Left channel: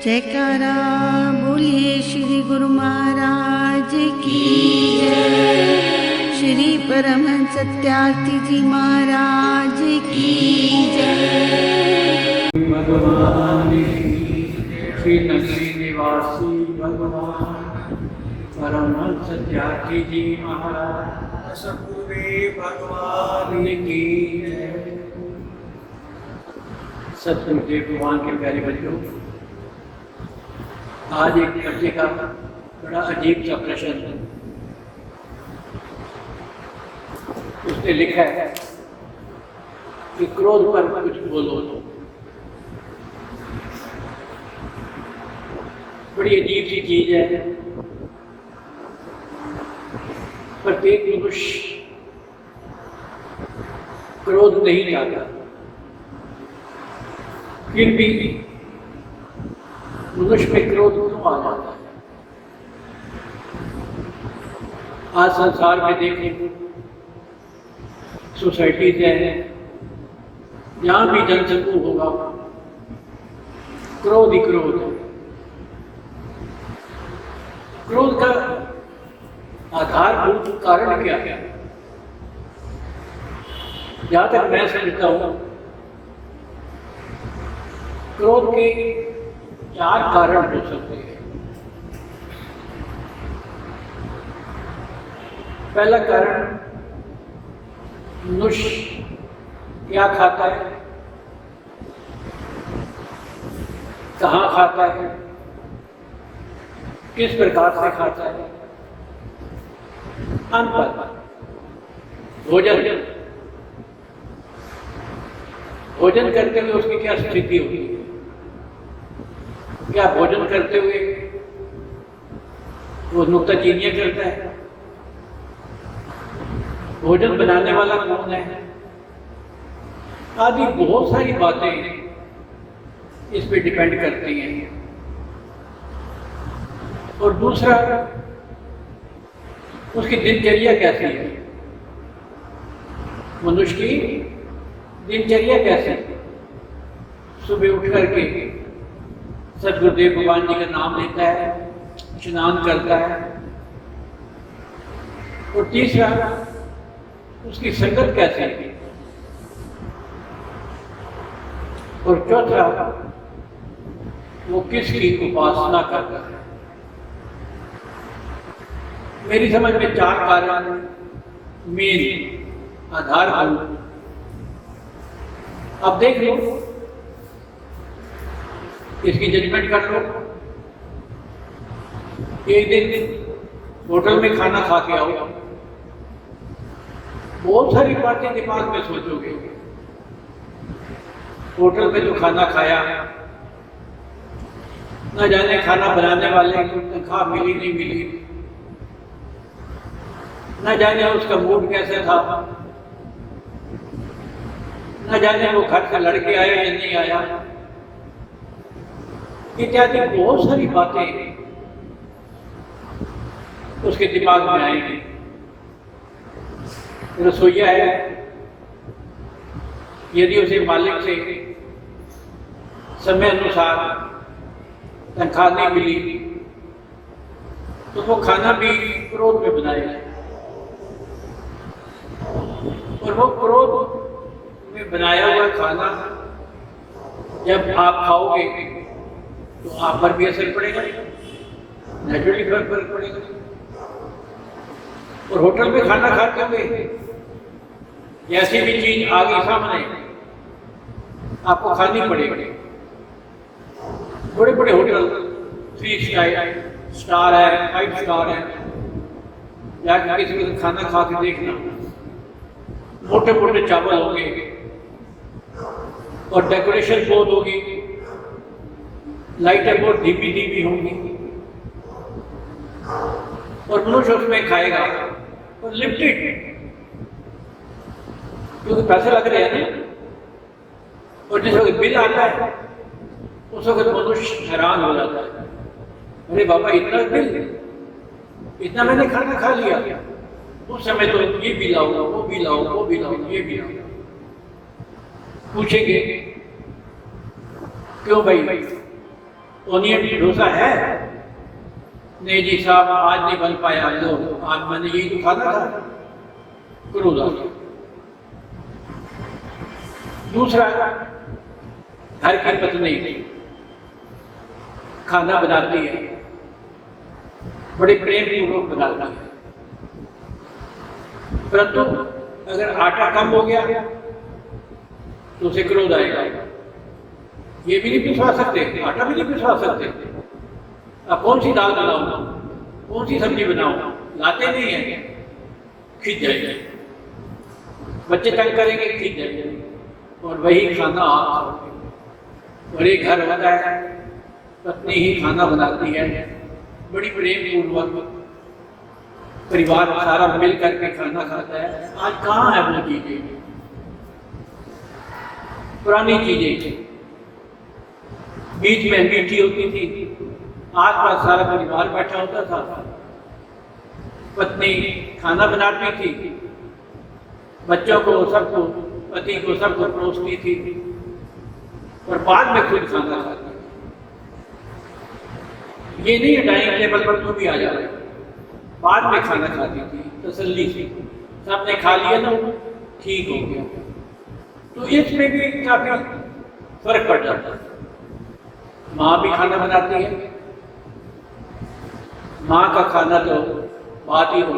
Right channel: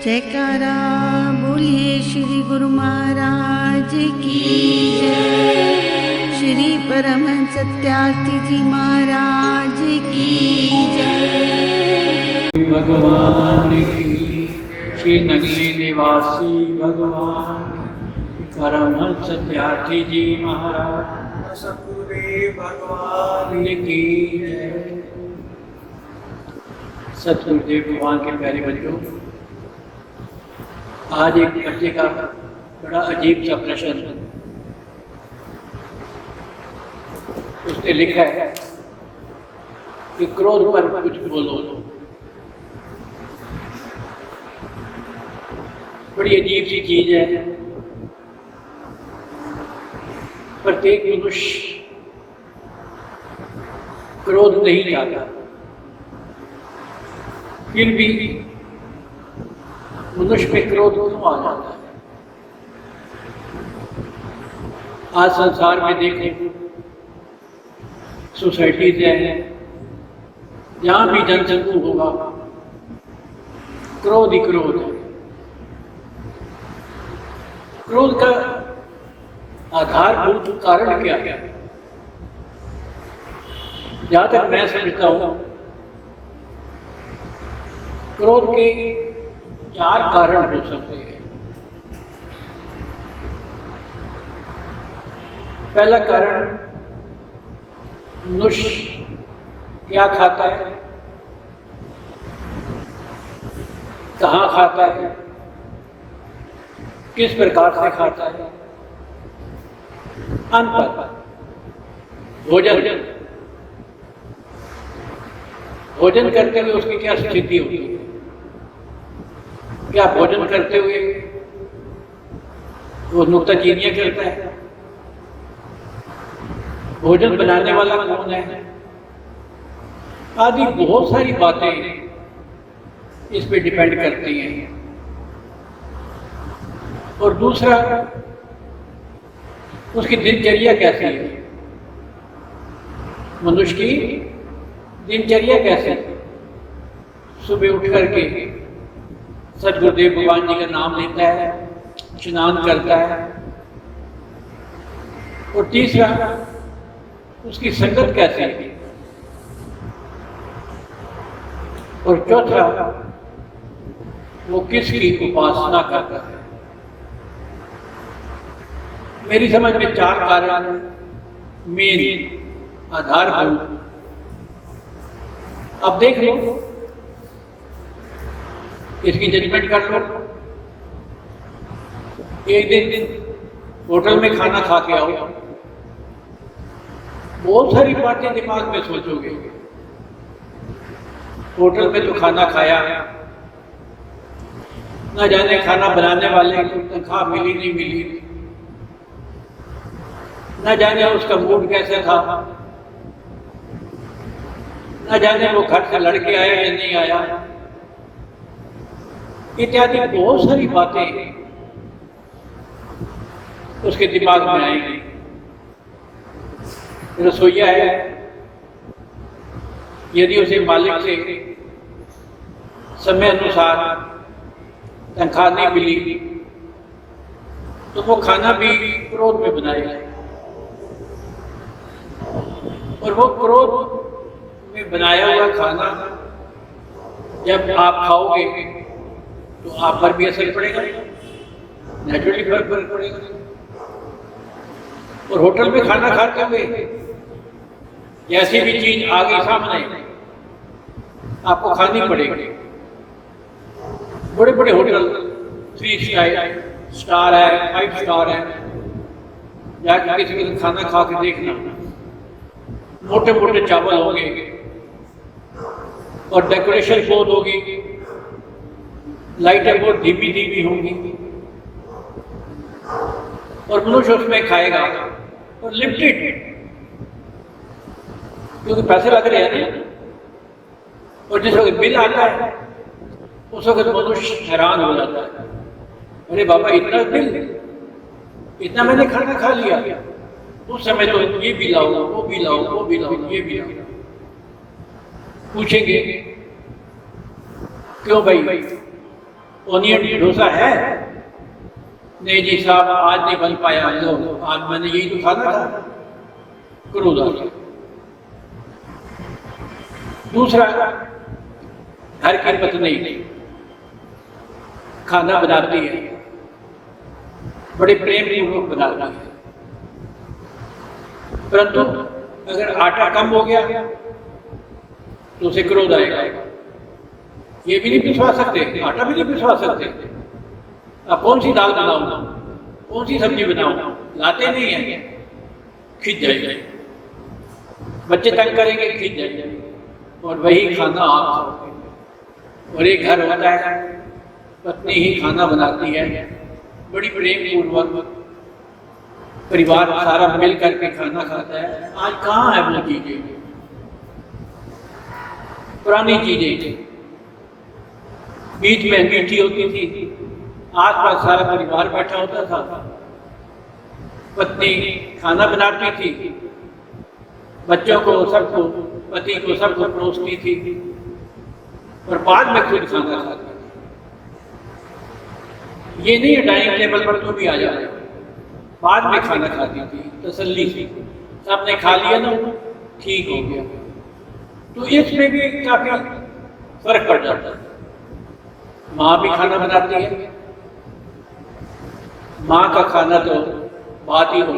जयकारा बोलिए श्री गुरु महाराज की जय। श्री परमहंस सत्यार्थी जी महाराज की जय। भगवान की श्री नगरी निवासी भगवान परमहंस सत्यार्थी जी महाराज सतगुरु भगवान की जय। सतगुरुदेव भगवान के प्यारे बच्चों, आज एक बच्चे का बड़ा अजीब सा प्रश्न है। उसने लिखा है कि क्रोध पर कुछ बोलो। बड़ी अजीब सी चीज है। प्रत्येक मनुष्य क्रोध नहीं चाहता, फिर भी मनुष्य पे क्रोध क्यों आ जाता है? आज संसार में देखें, सोसाइटी से है, जहां भी जनसमूह होगा क्रोध ही क्रोध है। क्रोध का आधारभूत कारण क्या है? जहां तक मैं समझता हूं, क्रोध के 4 कारण हो सकते हैं। पहला कारण, मनुष्य क्या खाता है, कहाँ खाता है, किस प्रकार से खाता है। अंतर भोजन करते हुए उसकी क्या स्थिति होती है? क्या भोजन करते हुए वो नुक्ताचीनियां करता है? भोजन बनाने वाला कौन है? आदि बहुत सारी बातें इस पे डिपेंड करती हैं। और दूसरा, उसकी दिनचर्या कैसी है, मनुष्य की दिनचर्या कैसी है। सुबह उठ करके सतगुरुदेव भगवान जी का नाम लेता है, स्नान करता है। और तीसरा, उसकी संगत कैसी है। और चौथा, वो किसकी उपासना करता है। मेरी समझ में 4 कारण मेन आधारभूत। अब देख लो, इसकी जजमेंट कर लो। एक दिन होटल में खाना खा के आओ, बहुत सारी बातें दिमाग में सोचोगे। होटल में तो खाना खाया, न जाने खाना बनाने वाले को तनख्वाह मिली नहीं मिली, न जाने उसका मूड कैसा था, न जाने वो घर से लड़के आया या नहीं आया, इत्यादि बहुत सारी बातें उसके दिमाग में आएंगी। रसोईया है, यदि उसे मालिक से समय अनुसार तनख्वाह नहीं मिली तो वो खाना भी क्रोध में बनाएगा। और वो क्रोध में बनाया हुआ खाना जब आप खाओगे तो आप पर भी असर पड़ेगा, नेचुरली फर्क पड़ेगा। और होटल में खाना खाते हुए जैसी भी चीज आ गई सामने आपको खानी पड़ेगी। बड़े बड़े होटल 3 स्टार है, 5 स्टार है, जाकर किसी के खाना खा के देखना, मोटे मोटे चावल होंगे और डेकोरेशन बहुत होगी, लाइटें बहुत धीमी धीमी होंगी, और मनुष्य उसमें खाएगा और लिमिटेड, क्योंकि पैसे लग रहे हैं ना। और जिस वक्त बिल आता है उस वक्त मनुष्य हैरान हो जाता है, अरे बाबा इतना बिल, इतना मैंने खाना खा लिया। उस समय तो ये भी लाओ, वो भी लाओ, वो भी लाओ, ये भी लाओ। पूछेंगे क्यों भाई, ओनियन डोसा है? नहीं जी साहब, आज नहीं बन पाया। लो, आज मैंने यही तो खाना था। क्रोध आ गया। दूसरा, घर की पत्नी खाना बनाती है, बड़े प्रेम पूर्वक बनाती है, परंतु अगर आटा कम हो गया तो उसे क्रोध आएगा। ये भी नहीं पिसवा सकते, आटा भी नहीं पिसवा सकते। अब कौन सी दाल बनाऊंगा, कौन सी सब्जी बनाऊंगा, लाते नहीं है, खिंच जाएंगे। बच्चे तंग करेंगे, खिंच जाएंगे, और वही खाना आप खाओगे। और एक घर होता है, पत्नी ही खाना बनाती है, बड़ी प्रेम पूर्वक परिवार सारा मिल करके खाना खाता है। आज कहाँ है वो चीजें? पुरानी चीजें बीच में मीठी होती थी, आस पास सारा परिवार बैठा होता था, पत्नी खाना बनाती थी, बच्चों को, सबको, पति को, सबको परोसती थी, और बाद में खुद खाना खाती। ये नहीं डाइनिंग टेबल पर तो भी आ जाए, बाद में खाना खाती थी तसल्ली से। सबने खा लिया ना, ठीक हो गया। तो इसमें भी काफी फर्क पड़ जाता है। माँ भी खाना बनाती है, माँ का खाना तो बात ही हो,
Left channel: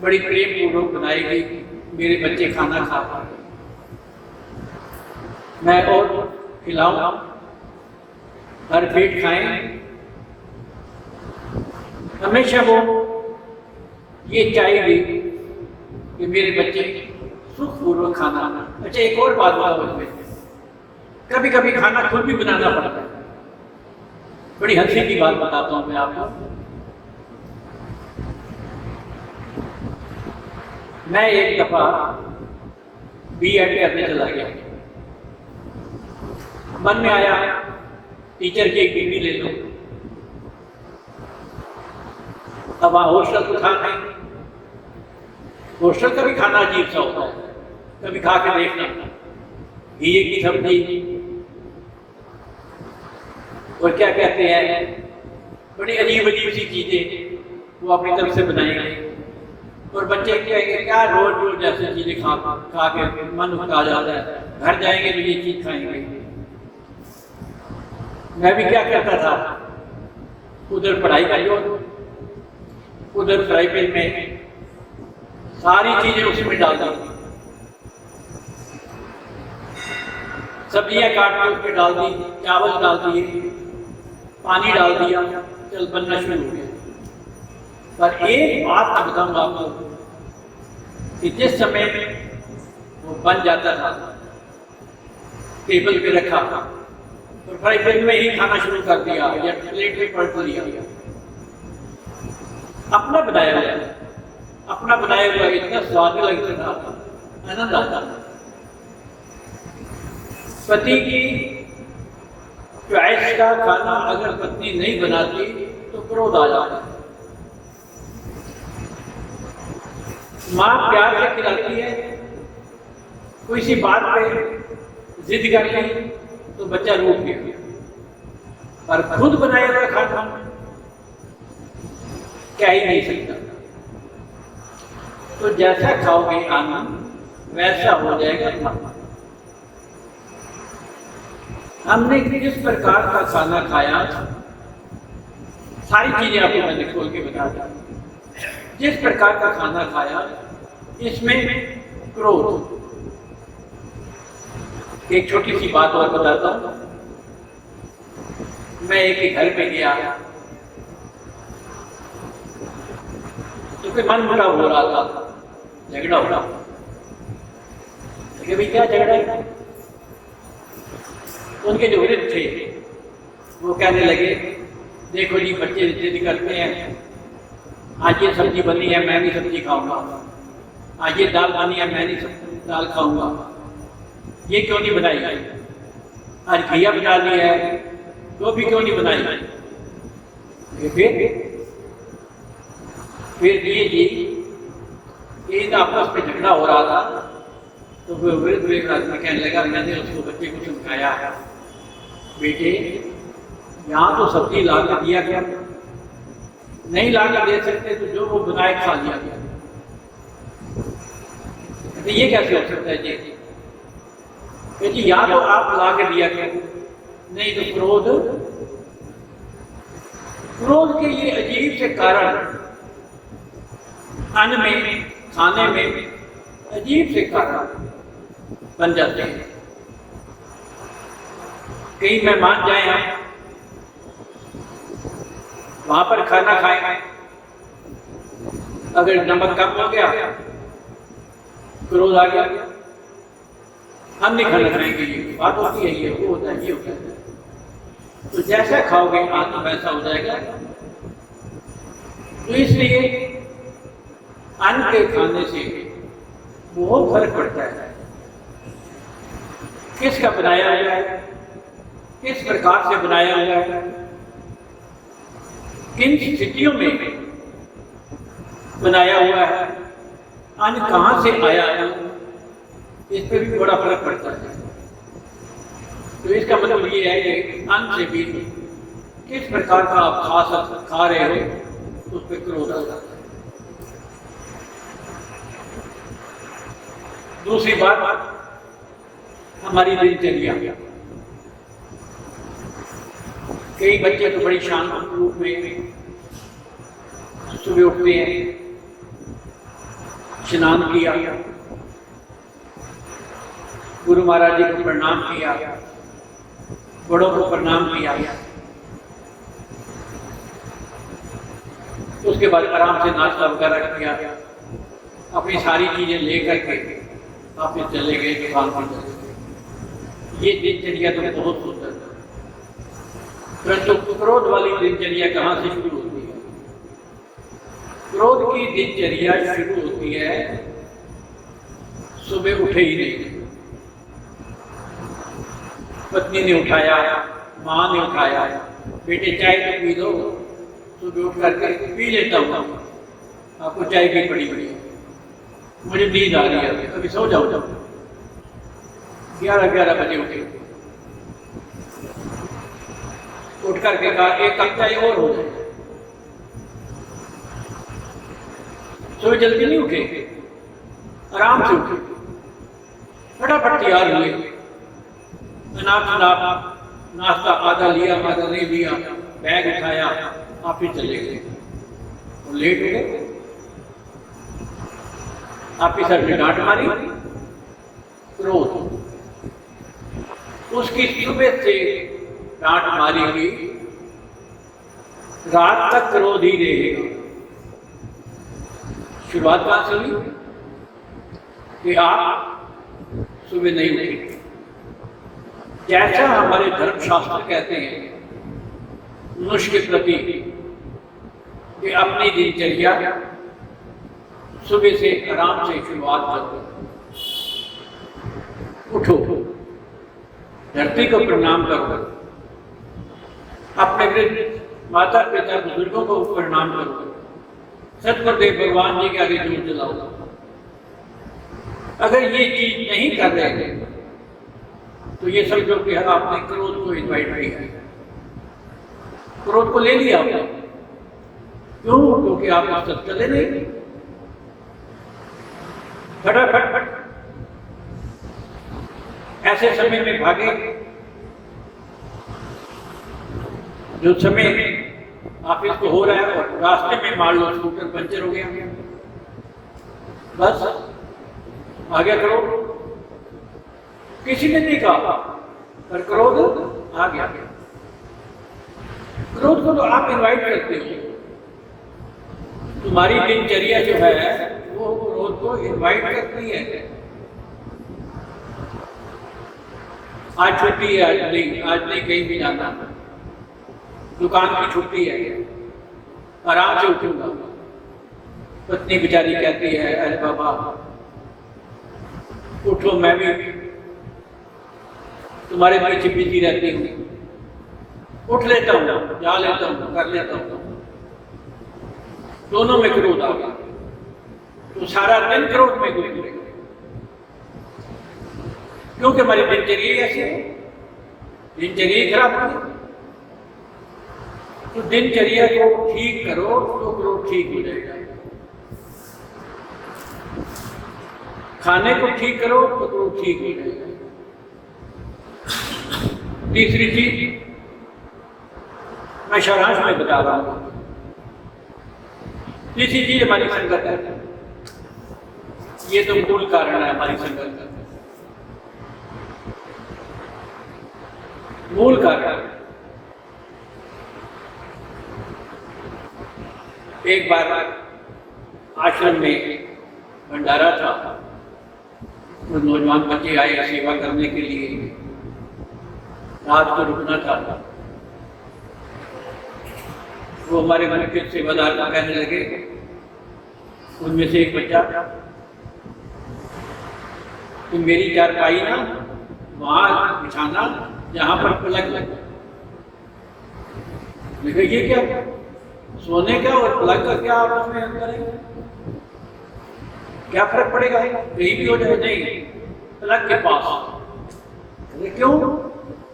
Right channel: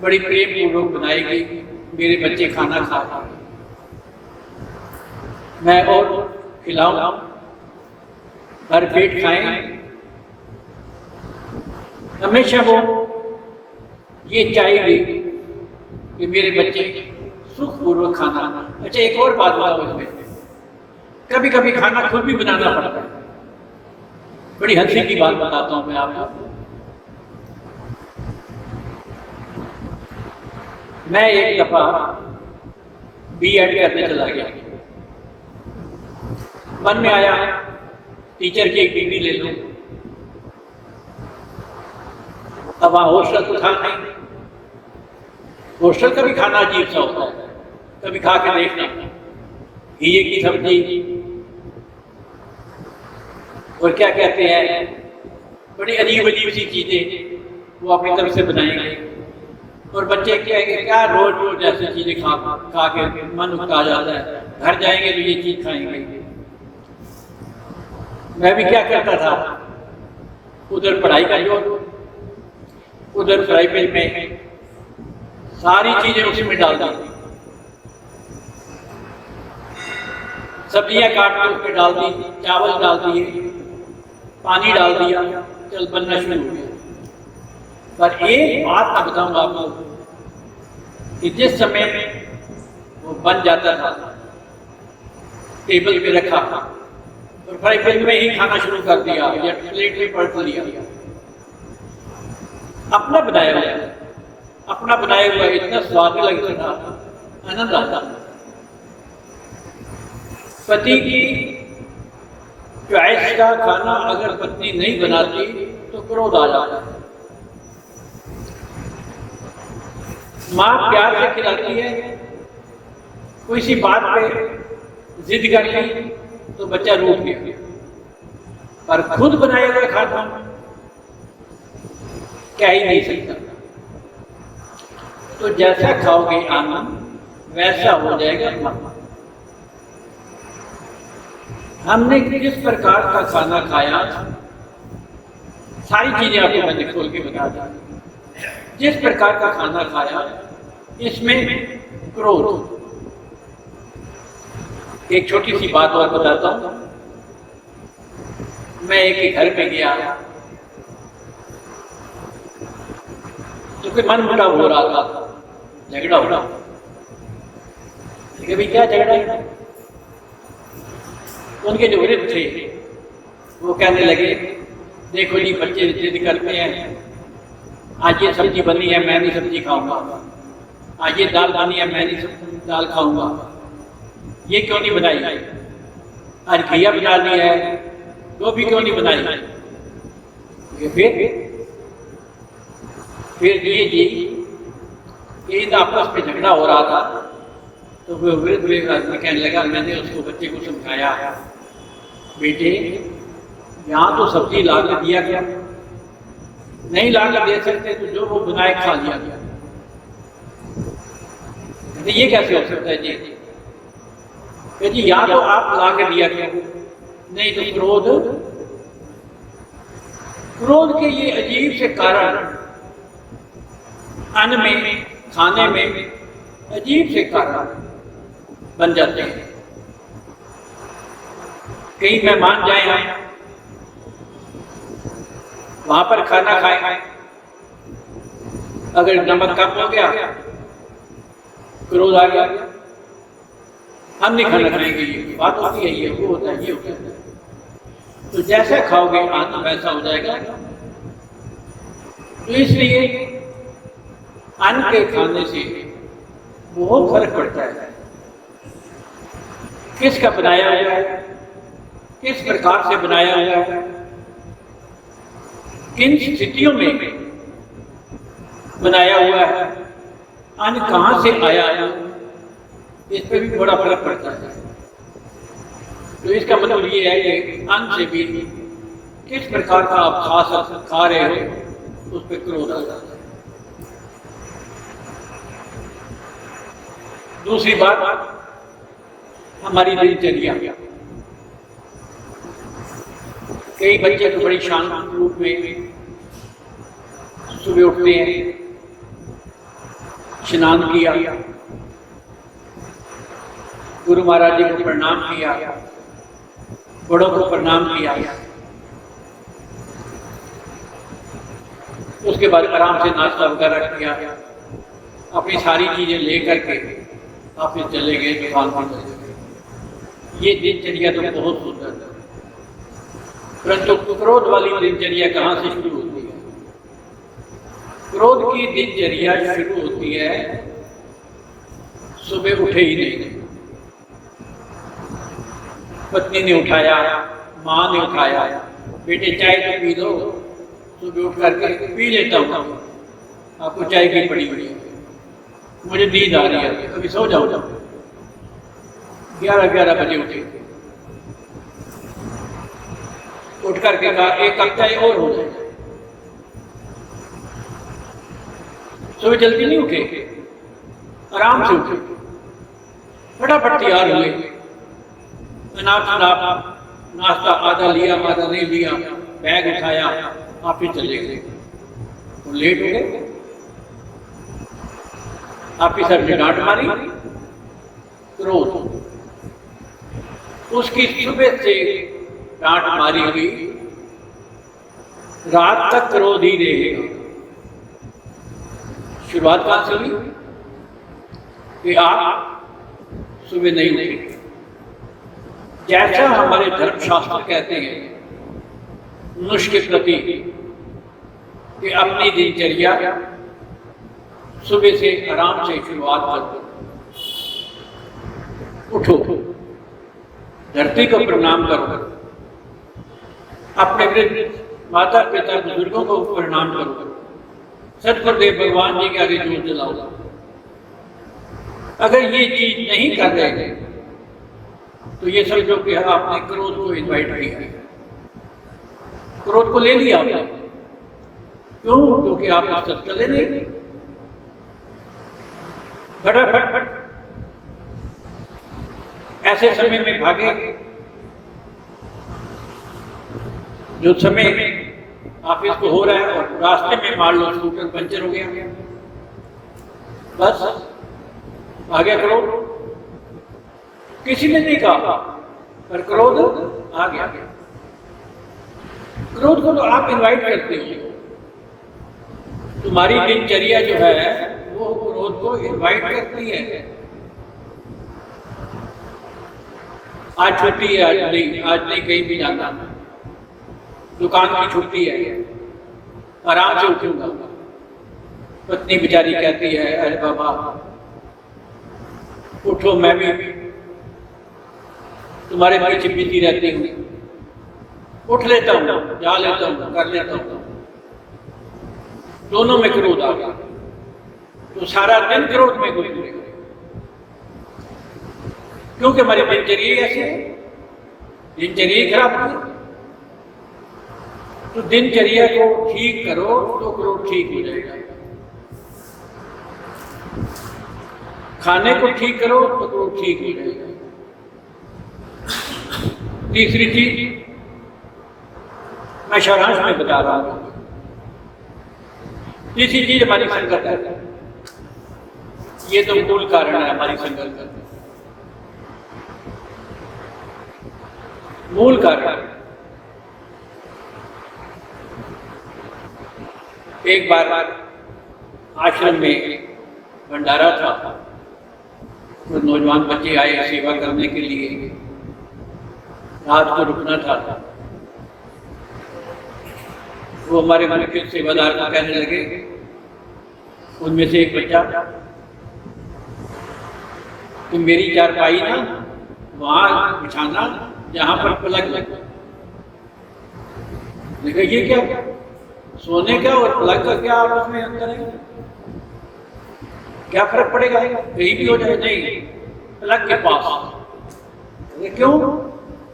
बड़ी प्रेम पूर्वक बनाई गई, मेरे बच्चे खाना खा पाए, मैं और खिलाऊं, हर पेट खाएं। हमेशा वो ये चाहिए कि मेरे बच्चे सुखपूर्वक खाना। अच्छा, एक और बात बताओ इसमें, कभी कभी खाना खुद भी बनाना पड़ता है। बड़ी हंसी की बात बताता हूं मैं आपको। मैं एक दफा बीएड करने चला गया, मन में आया टीचर की एक डिग्री ले लो। अब वहां हॉस्टल तो था नहीं, हॉस्टल का भी खाना अजीब सा होता है, कभी खा के देखना, घी की सब्जी और क्या कहते हैं, बड़ी अजीब अजीब सी चीजें वो अपनी तरफ से बनाएंगे, और बच्चे क्या रोज रोज ऐसी चीजें खा के मन उठा जाता है। घर जाएंगे तो ये चीज खाएंगे। मैं भी क्या करता था, उधर पढ़ाई का जोर, उधर फ्राई पैन में सारी चीजें उसमें डाल दी, सब्जियां काट के उसमें डाल दी, चावल डाल दिए, पानी डाल दिया, चल बनना शुरू हो गया। पर एक बात मैं बताऊंगा आपको कि जिस समय वो बन जाता था, टेबल पे रखा और फ्राई पैन में ही खाना शुरू कर दिया या प्लेट में पलट लिया, अपना बनाया हुआ इतना स्वाद लगता था, आनंद आता। पति की चॉइस का खाना अगर पत्नी नहीं बनाती तो क्रोध आ जाता है। माँ प्यार से खिलाती है, कोई सी बात पे जिद कर ली तो बच्चा रूठ गया, पर खुद बनाया हुआ खाना क्या ही नहीं सकता। तो जैसा खाओगे आनंद वैसा हो जाएगा मन। हमने किस प्रकार का खाना खाया, सारी चीजें आपको मैंने खोल के बता दी। जिस प्रकार का खाना खाया, इसमें क्रोध। एक छोटी सी बात और बताता हूं। मैं एक घर पे गया तो फिर मन मुटाव हो रहा था, झगड़ा हो रहा। भाई क्या झगड़ा है? उनके जो वृद्ध थे वो कहने लगे, देखो जी बच्चे जिद करते हैं, आज ये सब्जी बनी है मैं नहीं सब्जी खाऊंगा, आज ये दाल बनी है मैं नहीं दाल खाऊंगा, ये क्यों नहीं बनाई, आज घिया बना ली है वो भी क्यों नहीं बनाई। फिर जी इन आपस में झगड़ा हो रहा था, तो वो वृद्ध कहने लगा, मैंने उसको बच्चे को समझाया, बेटे यहाँ तो सब्जी ला के दिया गया, नहीं ला के दे सकते तो जो वो बनाए खा लिया गया। तो ये कैसे हो सकता है जी? क्योंकि या तो आप ला के दिया गया, नहीं तो क्रोध के ये अजीब से कारण अन्न में, खाने में अजीब से कारण बन जाते हैं। कई मेहमान जाए हैं, वहां पर खाना खाए, अगर नमक कम हो गया, क्रोध आ गया, हम नहीं खाना खाएंगे, ये बात होती है, ये वो होता है, ये होता है। तो जैसा खाओगे अन्न वैसा हो जाएगा। तो इसलिए अन्न के खाने से बहुत फर्क पड़ता है। किसका बनाया हुआ है, किस प्रकार से बनाया हुआ है, किन स्थितियों में बनाया हुआ है, अन्न कहां से आया है, इस पर भी बड़ा फर्क पड़ता है। तो इसका मतलब ये है कि अन्न से भी किस प्रकार का आप खा रहे हो, उस पर क्रोध आता है। दूसरी बात, हमारी दिनचर्या। कई बच्चे तो बड़ी शांत रूप में सुबह उठते हैं, स्नान किया, गुरु महाराज जी को प्रणाम किया, बड़ों को प्रणाम किया, उसके बाद आराम से नाश्ता वगैरह किया, अपनी सारी चीजें लेकर के वापस चले गए दुकान पर। ये दिनचर्या तो बहुत सुंदर है, परंतु क्रोध वाली दिनचर्या कहां से शुरू होती है? क्रोध की दिनचर्या शुरू होती है सुबह उठे ही नहीं। पत्नी ने उठाया, माँ ने उठाया, बेटे चाय तो पी दो, सुबह उठ करके पी लेता हूँ, आपको चाय की पड़ी हुई है, मुझे नींद आ रही है, कभी सो जाओ। 11 बजे उठे, उठ करके कहा एक कप चाय और हो जाए। सुबह जल्दी नहीं उठे, आराम से उठे, फटाफट तैयार हुए, नाश्ता आधा लिया, आधा नहीं लिया, बैग उठाया, ऑफिस चले गए, लेट हो गए। ऑफिसर ने डांट मारी, क्रोध, उसकी सुबह से डांट मारी हुई, रात तक क्रोध ही रहेगा। शुरुआत कहां से हुई कि आप सुबह नहीं उठे। जैसा हमारे धर्मशास्त्र कहते हैं मनुष्य के प्रति कि अपनी दिनचर्या सुबह से आराम से शुरुआत करो, उठो, धरती को प्रणाम करो, अपने वृद्ध माता पिता बुजुर्गों को प्रणाम करो, सतगुरुदेव भगवान जी के आगे जोत जलाओ। अगर ये चीज नहीं कर रहे तो ये समझो कि आपने क्रोध को इन्वाइट किया है, क्रोध को ले लिया आपने। क्यों? क्योंकि आप इस तक चले नहीं। फटाफट ऐसे समय में भागे जो समय ऑफिस को हो रहा है और रास्ते में मान लो स्कूटर पंचर हो गया, बस आगे क्रोध, किसी ने नहीं कहा पर क्रोध आ गया। क्रोध को तो आप इनवाइट करते हो। तुम्हारी दिनचर्या जो है वो क्रोध को इनवाइट करती है। आज छुट्टी है, आज नहीं कहीं भी जाना, दुकान की छुट्टी है, आराम से उठूंगा। पत्नी बेचारी कहती है अरे बाबा उठो, मैं भी तुम्हारे पीछे बिजी रहती हूँ, उठ लेता हूँ, जा लेता हूँ, कर लेता हूँ। दोनों में क्रोध आ गया तो सारा दिन क्रोध में गुजरेगा, क्योंकि हमारी दिनचर्या ऐसी है, दिनचर्या खराब है। तो दिनचर्या को ठीक करो तो क्रोध ठीक हो जाएगा। खाने को ठीक करो तो क्रोध ठीक हो जाएगा। तीसरी चीज मैं सारांश में बता रहा हूं। तीसरी चीज हमारी संगत है। ये तो मूल कारण है हमारी संगत का, मूल कारण। एक बार आश्रम में भंडारा था, तो नौजवान बच्चे आए सेवा करने के लिए, रात को रुकना था। वो हमारे मुख्य सेवादार को कहने लगे, उनमें से एक बच्चा, तुम मेरी चारपाई ना वहां बिछाना जहां पर पलंग लगे। ये क्या सोने का और पलंग का क्या आपस में अंतर है? क्या फर्क पड़ेगा? कहीं भी हो जाए। नहीं, पलंग के पास। ये क्यों?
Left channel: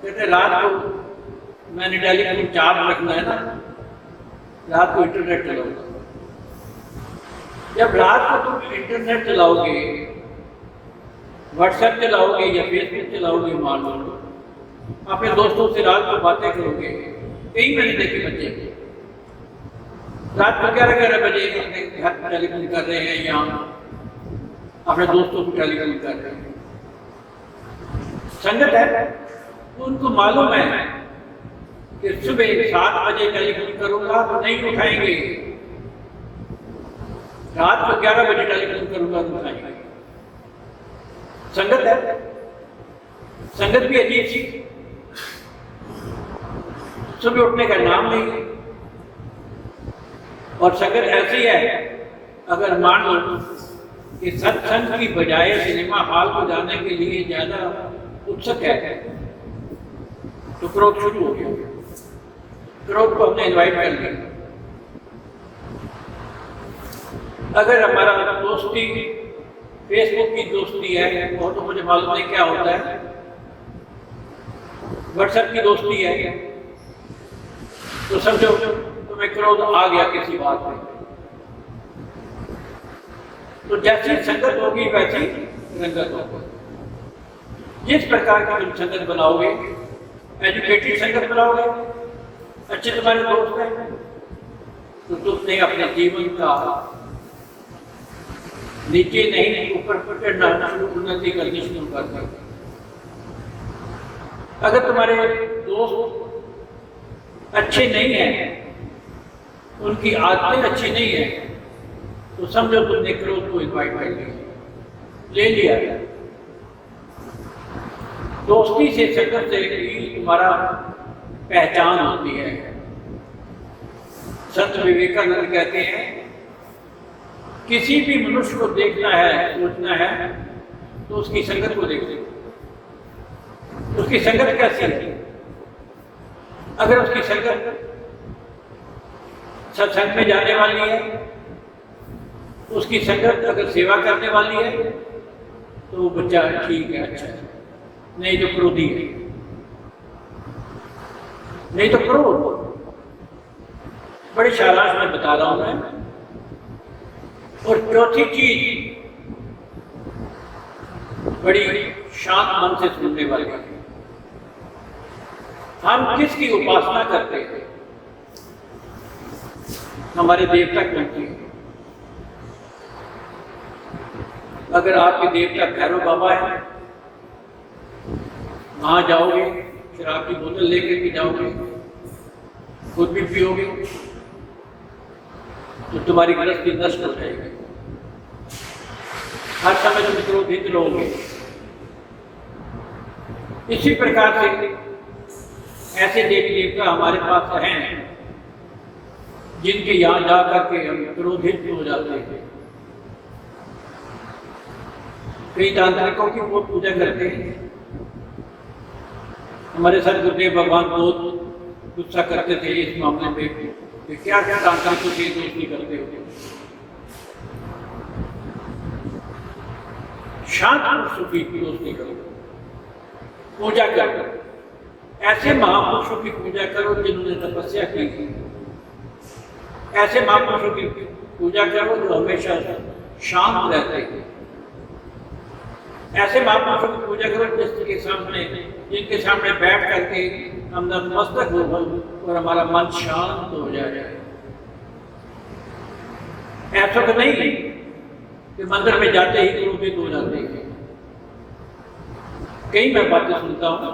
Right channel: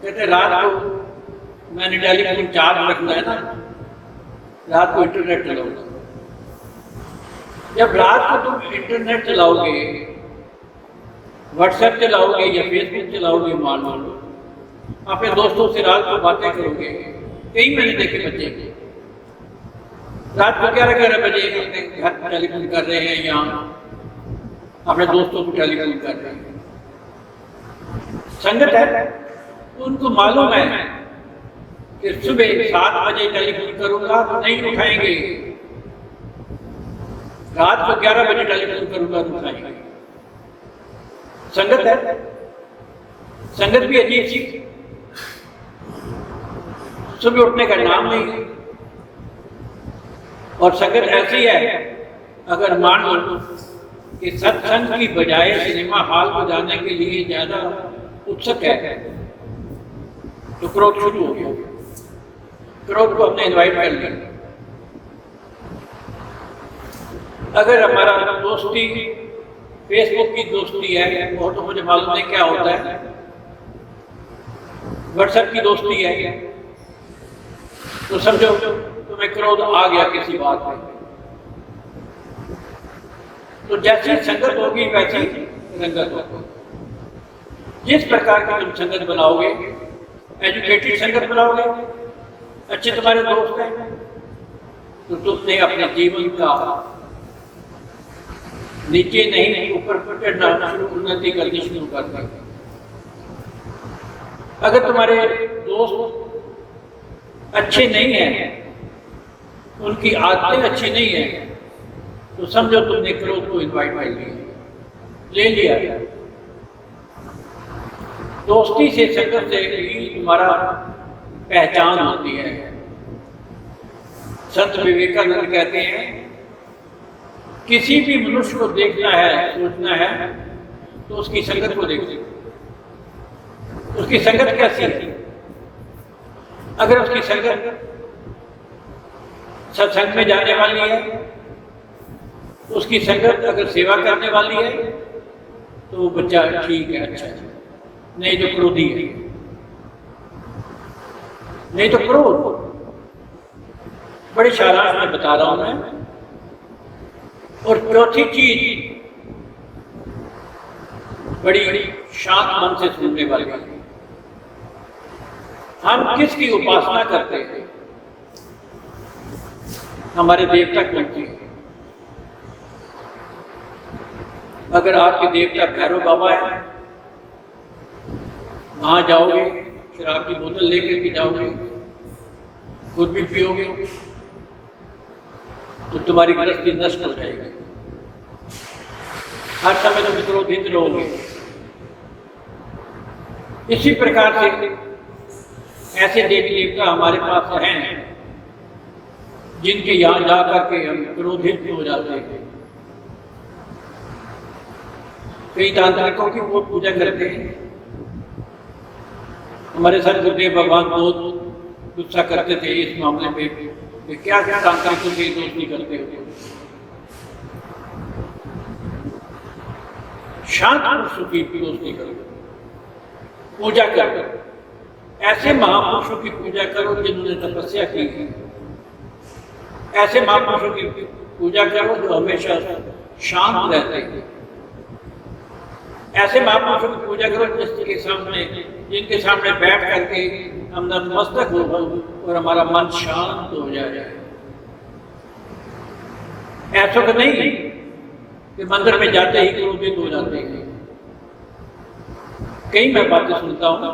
कहते रात को मैंने टेलीफोन चार्ज रखना है ना, रात को इंटरनेट चलाओगे। जब रात को तुम इंटरनेट चलाओगे, व्हाट्सएप चलाओगे या फेसबुक चलाओगे, मान लो अपने दोस्तों से रात को बातें करोगे। कई मैंने देखे बच्चे रात को 11-11 बजे टेलीफोन कर रहे हैं या अपने दोस्तों को टेलीफोन कर रहे हैं। संगत है तो उनको मालूम है कि सुबह 7 बजे टेलीफोन करूंगा तो नहीं उठाएंगे, रात को 11 बजे टेलीफोन करूंगा तो उठाएंगे। संगत है। संगत भी अजीब सी, सुबह उठने का नाम नहीं। और संगत ऐसी है, अगर मान लो कि सत्संग की बजाय सिनेमा हॉल को जाने के लिए ज्यादा उत्सुक है तो क्रोध शुरू हो गया। क्रोध को हमने इन्वाइट कर लिया। अगर हमारा दोस्ती फेसबुक की दोस्ती है, वो तो मुझे मालूम नहीं क्या होता है, व्हाट्सएप की दोस्ती है, तो समझो तुम्हें क्रोध आ गया किसी बात में। तो जैसी संगत होगी वैसी रंगत होगी। जिस प्रकार की तुम संगत बनाओगे, एजुकेटेड संगत बनाओगे, अच्छे तुम्हारे दोस्त हैं, तो तुमने अपने जीवन का नीचे नहीं ऊपर चढ़ना उन्नति करनी शुरू कर दी। अगर तुम्हारे दोस्त अच्छे नहीं हैं, उनकी आदतें अच्छी नहीं है, तो समझो तुमने क्रोध को इन्वाइट कर ले लिया। दोस्ती से संगत से ही तुम्हारा पहचान होती है। संत विवेकानंद कहते हैं, किसी भी मनुष्य को देखना है, सोचना है, तो उसकी संगत को देखो। उसकी संगत कैसी है? अगर उसकी संगत सत्संग में जाने वाली है, उसकी संगत अगर सेवा करने वाली है, तो वो बच्चा ठीक है, अच्छा है। नहीं तो क्रोधी है, नहीं तो क्रोध। बड़ी सारांश में बता रहा हूं मैं। और चौथी चीज बड़ी शांत मन से सुनने वाली है। हम किसकी उपासना करते हैं? हमारे देवता कौन थे? अगर आपके देवता भैरव बाबा है, वहां जाओगे, शराब की बोतल लेकर के जाओगे, खुद भी पियोगे, तो तुम्हारी गृहस्थी नष्ट हो जाएगी। हर समय तुम क्रोधित रहोगे। इसी प्रकार से ऐसे देवी देवता हमारे पास हैं जिनके यहाँ जा करके हम क्रोधित हो जाते हैं। कई तांत्रिकों की बहुत पूजा करते हैं। हमारे सर गुरुदेव भगवान बहुत गुस्सा करते थे इस मामले पे कि क्या क्या तांत्रिकों की दोस्ती करते हो। शांत पुरुषों की दोस्ती करो, पूजा करो, ऐसे महापुरुषों की पूजा करो जिन्होंने तपस्या की है। ऐसे महापुरुषों की पूजा करो जो हमेशा शांत रहते हैं। ऐसे महापुरुषों की पूजा करो जिनके सामने बैठ करके हम नतमस्तक हो और हमारा मन शांत हो जाए। ऐसा तो नहीं कि मंदिर में जाते ही क्रोधित हो जाते हैं। कई मैं बातें सुनता हूं,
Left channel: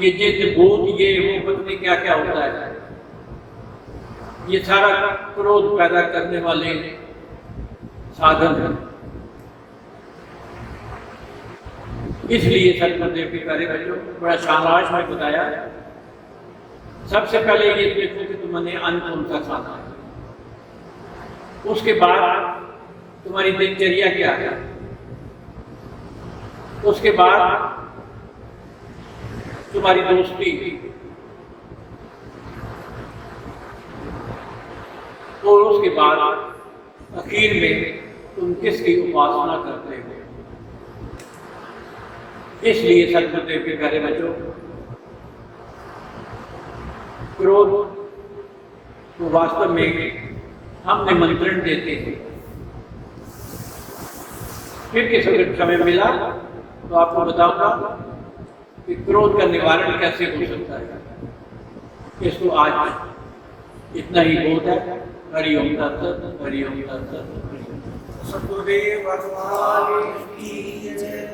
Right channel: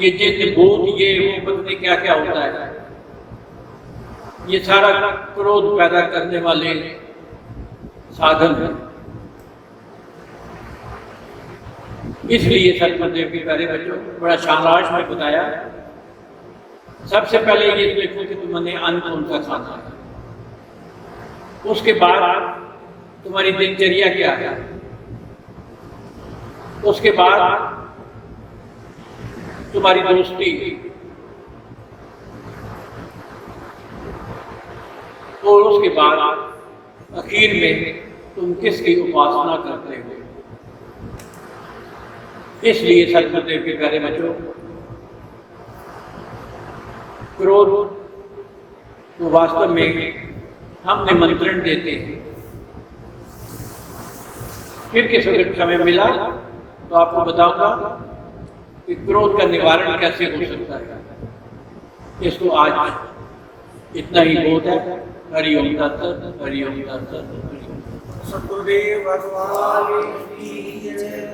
ये जिन भूत ये वो पत्नी क्या क्या होता है, ये सारा क्रोध पैदा करने वाले साधन है। इसलिए सतगुरुदेव के प्यारे बच्चों बड़ा शानदार में बताया। सबसे पहले ये देखो कि तुमने अन्न कौन सा खाना है, उसके बाद तुम्हारी दिनचर्या क्या है, उसके बाद तुम्हारी दोस्ती, और उसके बाद आखिर में तुम किसकी उपासना करते हो। इसलिए सतगुरुदेव के प्यारे बच्चों क्रोध को वास्तव में हम निमंत्रण देते हैं। फिर किसी वक्त समय मिला तो आपको बताऊंगा कि क्रोध का निवारण कैसे हो सकता है। इसको आज इतना ही बहुत है। हरिओम तत्सत, हरिओम तत्सत। सतगुरुदेव भगवान की जय।